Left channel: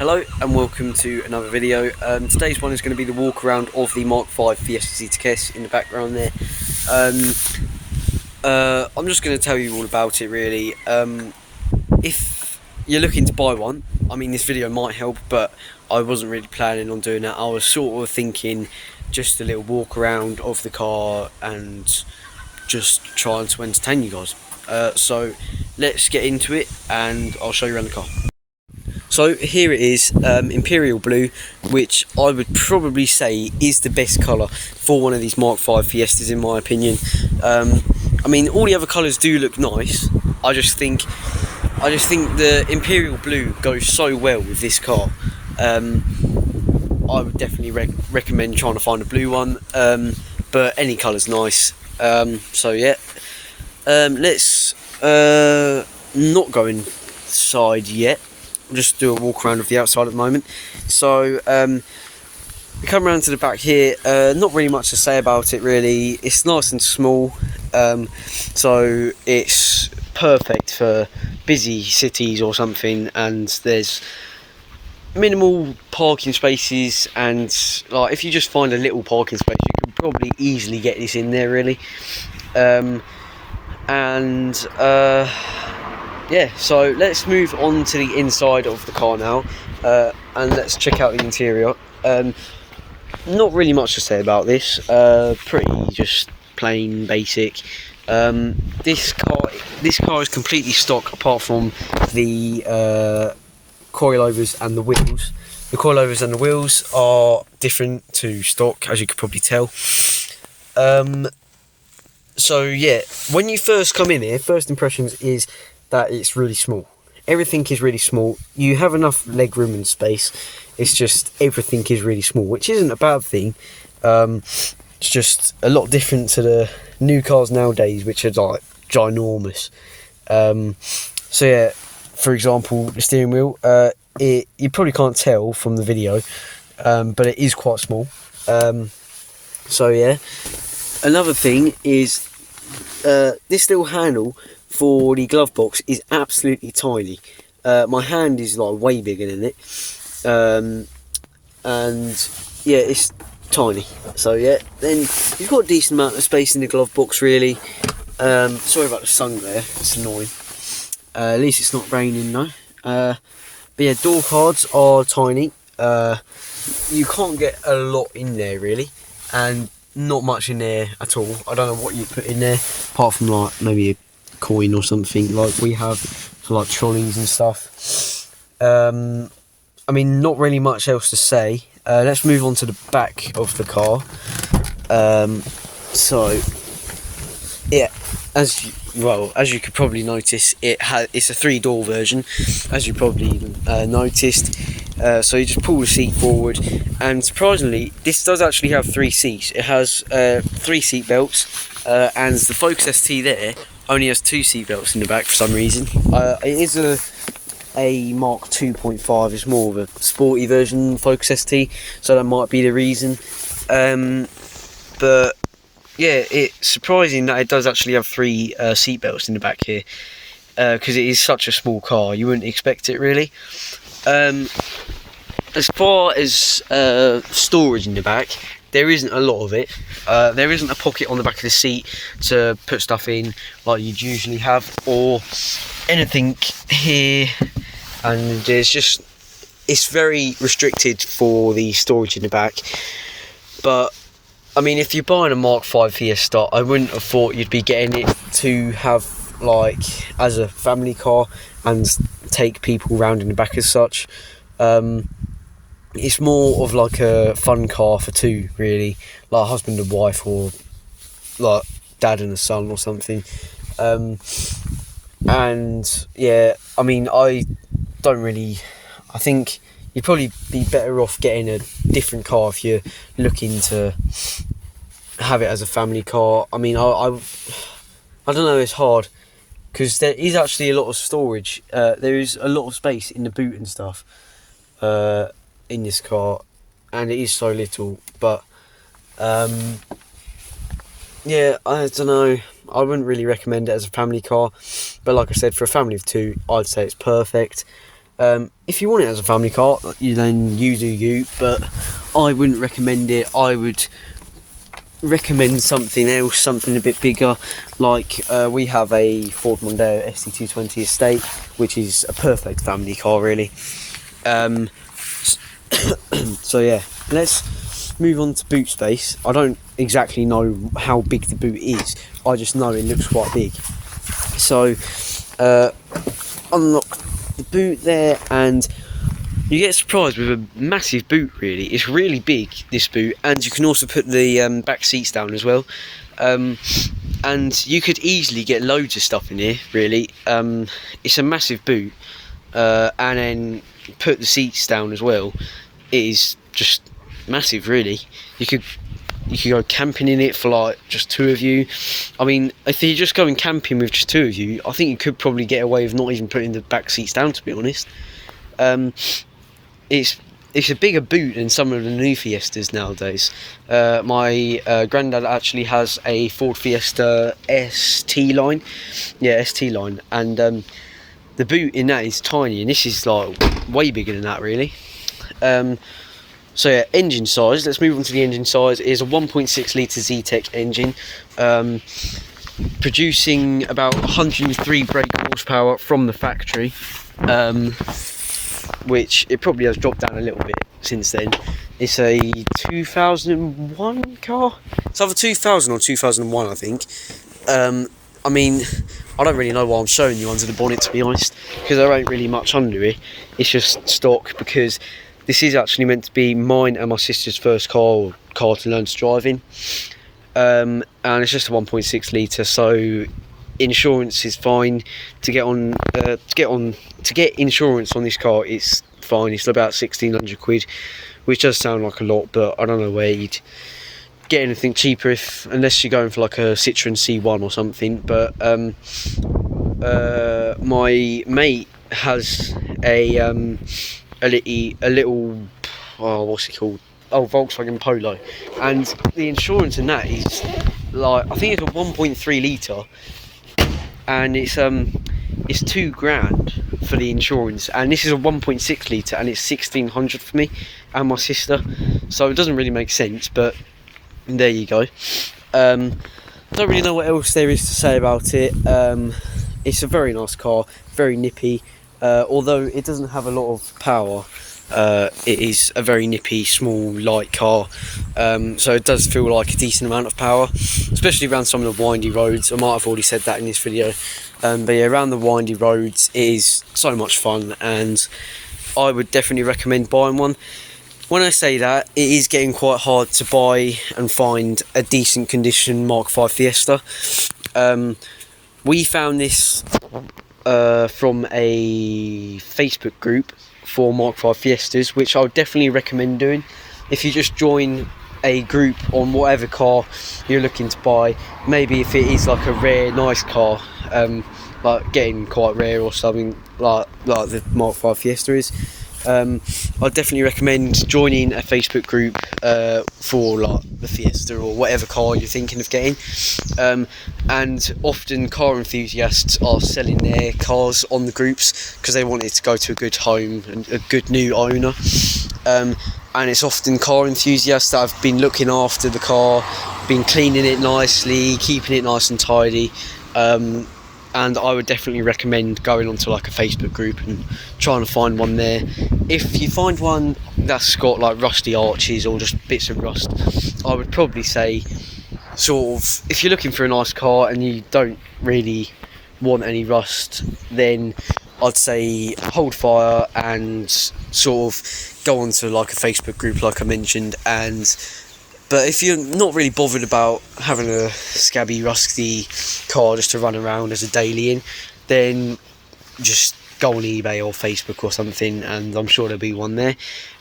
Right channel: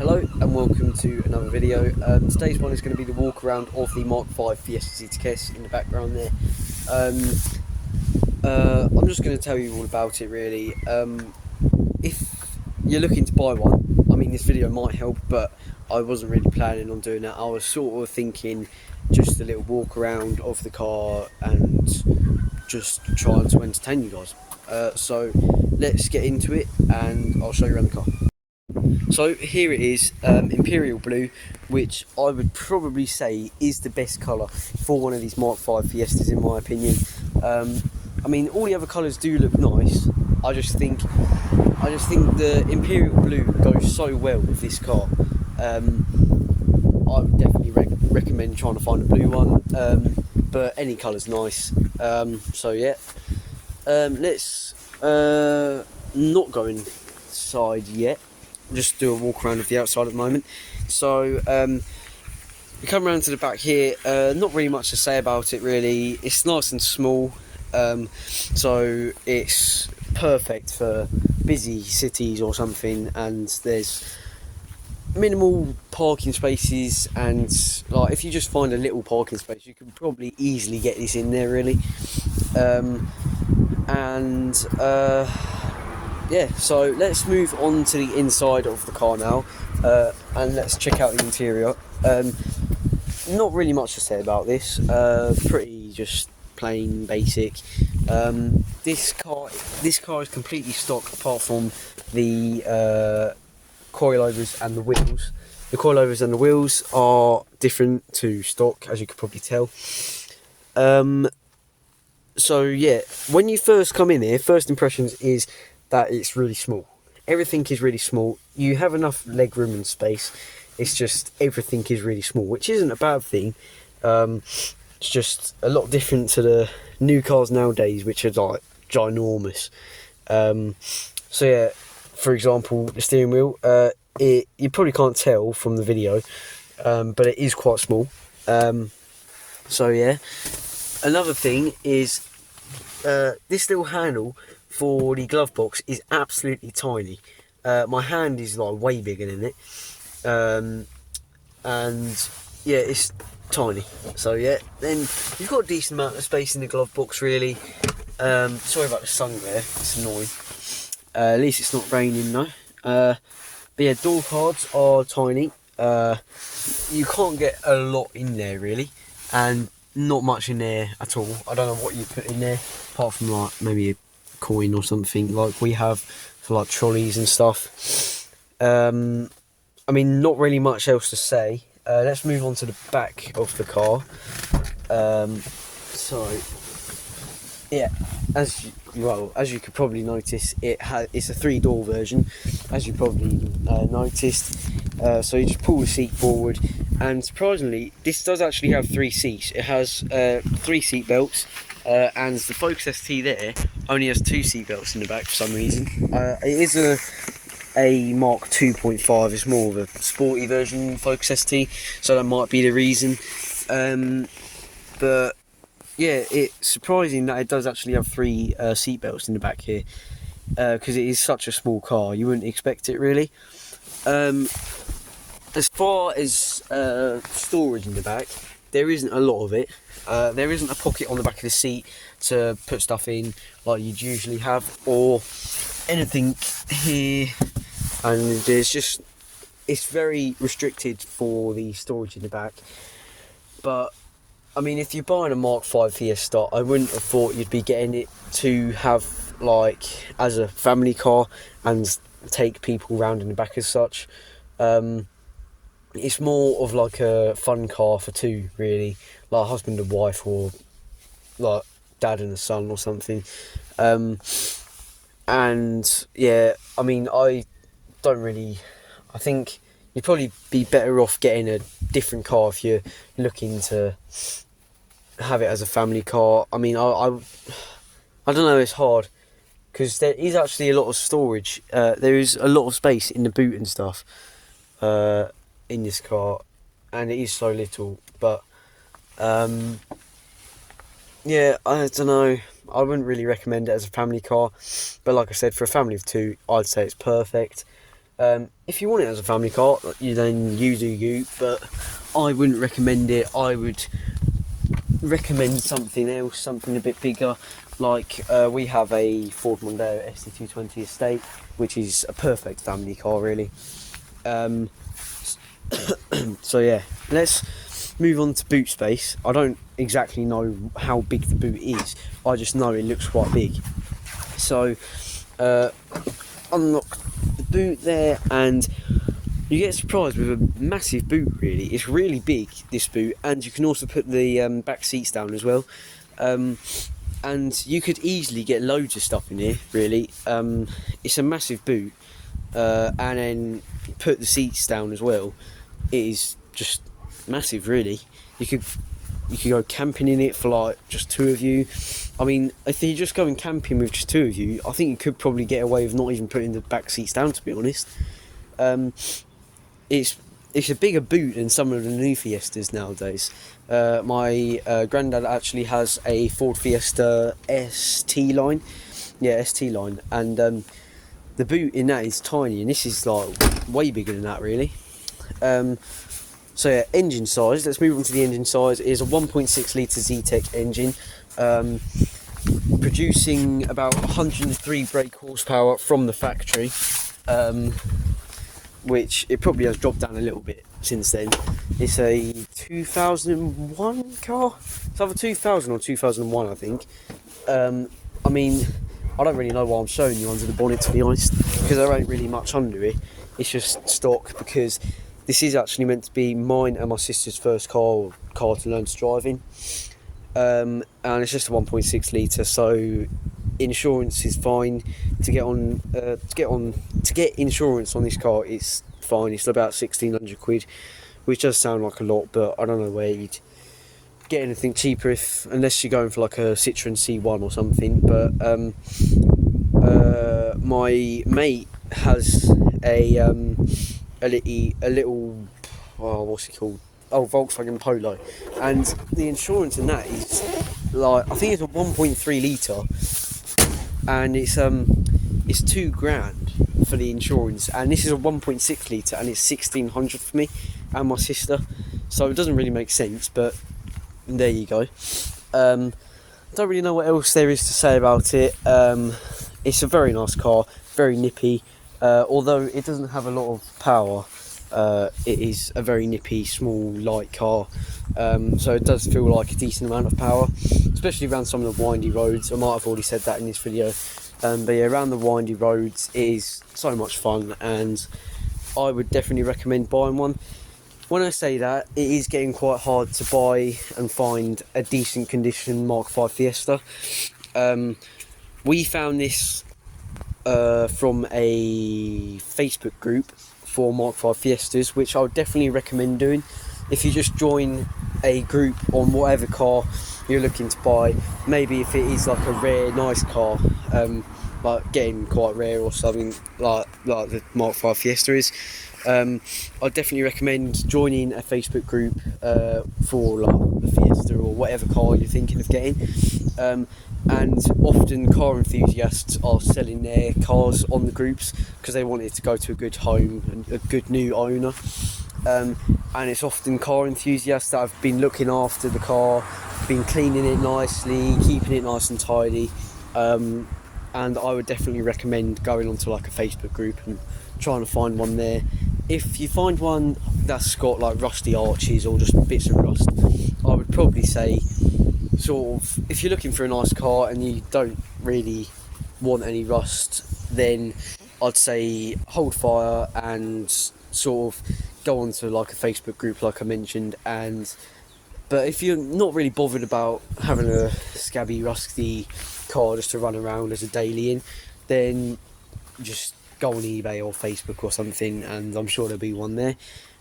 Hello and welcome to another video. Today's one is going to be the walk around of the MK5 Fiesta Zetec in the background there. I'm just going to tell you all about it really. If you're looking to buy one, I mean this video might help, but I wasn't really planning on doing that. I was sort of thinking just a little walk around of the car and just trying to entertain you guys. So let's get into it and I'll show you around the car. So here it is, Imperial Blue, which I would probably say is the best colour for one of these MK5 Fiestas in my opinion. I mean all the other colours do look nice. I just think the Imperial Blue goes so well with this car. I would definitely recommend trying to find a blue one, but any colour's nice. So yeah, let's not go inside yet. I'll just do a walk around of the outside at the moment. So we come around to the back here, not really much to say about it really. It's nice and small, so it's perfect for busy cities or something, and there's minimal parking spaces, and like if you just find a little parking space you can probably easily get this in there really. Yeah, so let's move on to the inside of the car now, and let's check out the interior. Not really much to say about this, pretty just plain basic. This car is completely stock apart from the coilovers and the wheels. The coilovers and the wheels are different to stock, as you could probably tell. So yeah, when you first come in here, first impressions is that it's really small. Everything is really small. You have enough leg room and space. It's just everything is really small, which isn't a bad thing. It's just a lot different to the new cars nowadays, which are like ginormous. So yeah, for example, the steering wheel. You probably can't tell from the video, but it is quite small. So yeah, another thing is this little handle for the glove box is absolutely tiny. My hand is like way bigger than it, and yeah, it's tiny. So yeah, then you've got a decent amount of space in the glove box really. Sorry about the sun there, that's annoying. At least it's not raining though. But yeah, door cards are tiny. You can't get a lot in there really, and not much in there at all. I don't know what you put in there apart from like maybe a coin or something like we have for like trolleys and stuff. I mean not really much else to say. Let's move on to the back of the car. So yeah, as you could probably notice, it's a 3-door version, as you probably noticed. So you just pull the seat forward, and surprisingly this does actually have 3 seats. It has 3 seat belts, and the Focus ST there only has 2 seat belts in the back for some reason. It is a Mark 2.5, it's more of a sporty version Focus ST, so that might be the reason. But yeah, it's surprising that it does actually have 3 seat belts in the back here, because it is such a small car, you wouldn't expect it really. As far as storage in the back, there isn't a lot of it. There isn't a pocket on the back of the seat to put stuff in like you'd usually have, or anything here, and it's very restricted for the storage in the back. But I mean, if you're buying a MK5 Fiesta, I wouldn't have thought you'd be getting it to have like as a family car and take people around in the back as such. It's more of like a fun car for 2 really, like a husband and wife, or like dad and a son or something. And yeah, I mean I think you'd probably be better off getting a different car if you're looking to have it as a family car. I mean I don't know, it's hard because there is actually a lot of storage. There is a lot of space in the boot and stuff in this car, and it is so little. But yeah, I don't know, I wouldn't really recommend it as a family car, but like I said, for a family of 2 I'd say it's perfect. If you want it as a family car, then you do you, but I wouldn't recommend it. I would recommend something else, something a bit bigger, like we have a Ford Mondeo ST220 Estate, which is a perfect family car really. So yeah, let's move on to boot space. I don't exactly know how big the boot is, I just know it looks quite big. So unlock the boot there, and you get surprised with a massive boot really. It's really big, this boot, and you can also put the back seats down as well. And you could easily get loads of stuff in here really. It's a massive boot, and then put the seats down as well. It is just massive really. You could go camping in it for like just two of you. I mean, if you're just going camping with just two of you, I think you could probably get away with not even putting the back seats down, to be honest. It's a bigger boot than some of the new Fiestas nowadays. My granddad actually has a Ford Fiesta ST line, ST line, and the boot in that is tiny, and this is like way bigger than that really. So yeah, engine size, let's move on to the engine size. It is a 1.6 litre Zetec engine, producing about 103 brake horsepower from the factory, which it probably has dropped down a little bit since then. It's a 2001 car, it's either 2000 or 2001 I think. I mean, I don't really know why I'm showing you under the bonnet, to be honest, because there ain't really much under it. It's just stock, because this is actually meant to be mine and my sister's first car to learn to drive in, and it's just a 1.6 litre, so insurance is fine. To get insurance on this car, it's fine. It's about 1,600 quid, which does sound like a lot, but I don't know where you'd get anything cheaper, unless you're going for like a Citroen C1 or something. But my mate has a little what's it called? Oh, Volkswagen Polo, and the insurance in that is like, I think it's a 1.3 litre, and it's £2,000 for the insurance, and this is a 1.6 litre, and it's 1,600 for me and my sister, so it doesn't really make sense, but there you go. Don't really know what else there is to say about it. It's a very nice car, very nippy, although it doesn't have a lot of power. It is a very nippy, small, light car, so it does feel like a decent amount of power, especially around some of the windy roads. I might have already said that in this video, but yeah, around the windy roads it is so much fun, and I would definitely recommend buying one. When I say that, it is getting quite hard to buy and find a decent condition Mark 5 Fiesta. We found this from a Facebook group for Mark 5 Fiestas, which I would definitely recommend doing. If you just join a group on whatever car you're looking to buy, maybe if it is like a rare, nice car, like getting quite rare or something like the Mark 5 Fiesta is, I'd definitely recommend joining a Facebook group for like the Fiesta or whatever car you're thinking of getting. And often car enthusiasts are selling their cars on the groups because they want it to go to a good home and a good new owner. And it's often car enthusiasts that have been looking after the car, been cleaning it nicely, keeping it nice and tidy. And I would definitely recommend going onto like a Facebook group and trying to find one there. If you find one that's got like rusty arches or just bits of rust, I would probably say, sort of, if you're looking for a nice car and you don't really want any rust, then I'd say hold fire and sort of go onto like a Facebook group like I mentioned. But if you're not really bothered about having a scabby, rusty car just to run around as a daily in, then just go on eBay or Facebook or something, and I'm sure there'll be one there.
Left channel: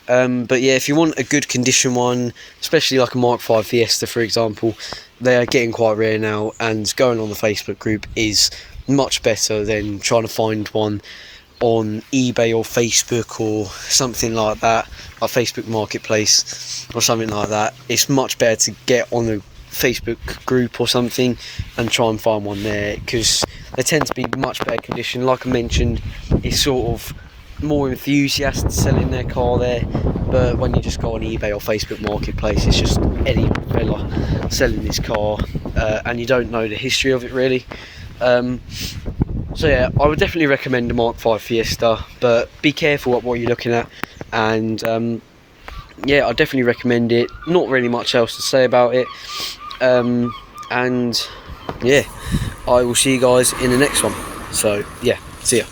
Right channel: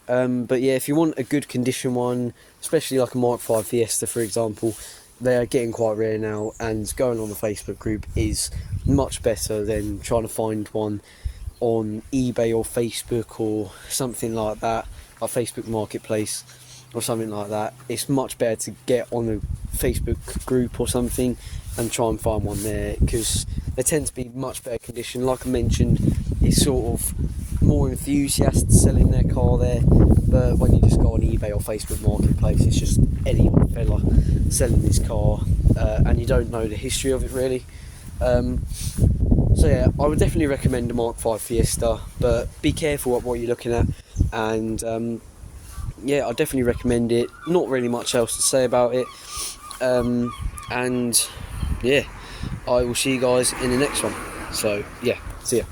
But yeah, if you want a good condition one, especially like a Mark 5 Fiesta for example, they are getting quite rare now, and going on the Facebook group is much better than trying to find one on eBay or Facebook or something like that, like Facebook Marketplace or something like that. It's much better to get on a Facebook group or something and try and find one there, because they tend to be much better condition. Like I mentioned, it's sort of more enthusiasts selling their car there, but when you just go on eBay or Facebook Marketplace, it's just any fella selling his car, and you don't know the history of it really. So yeah, I would definitely recommend the Mark 5 Fiesta, but be careful at what you're looking at, and yeah, I definitely recommend it. Not really much else to say about it, and yeah, I will see you guys in the next one. So yeah, see ya.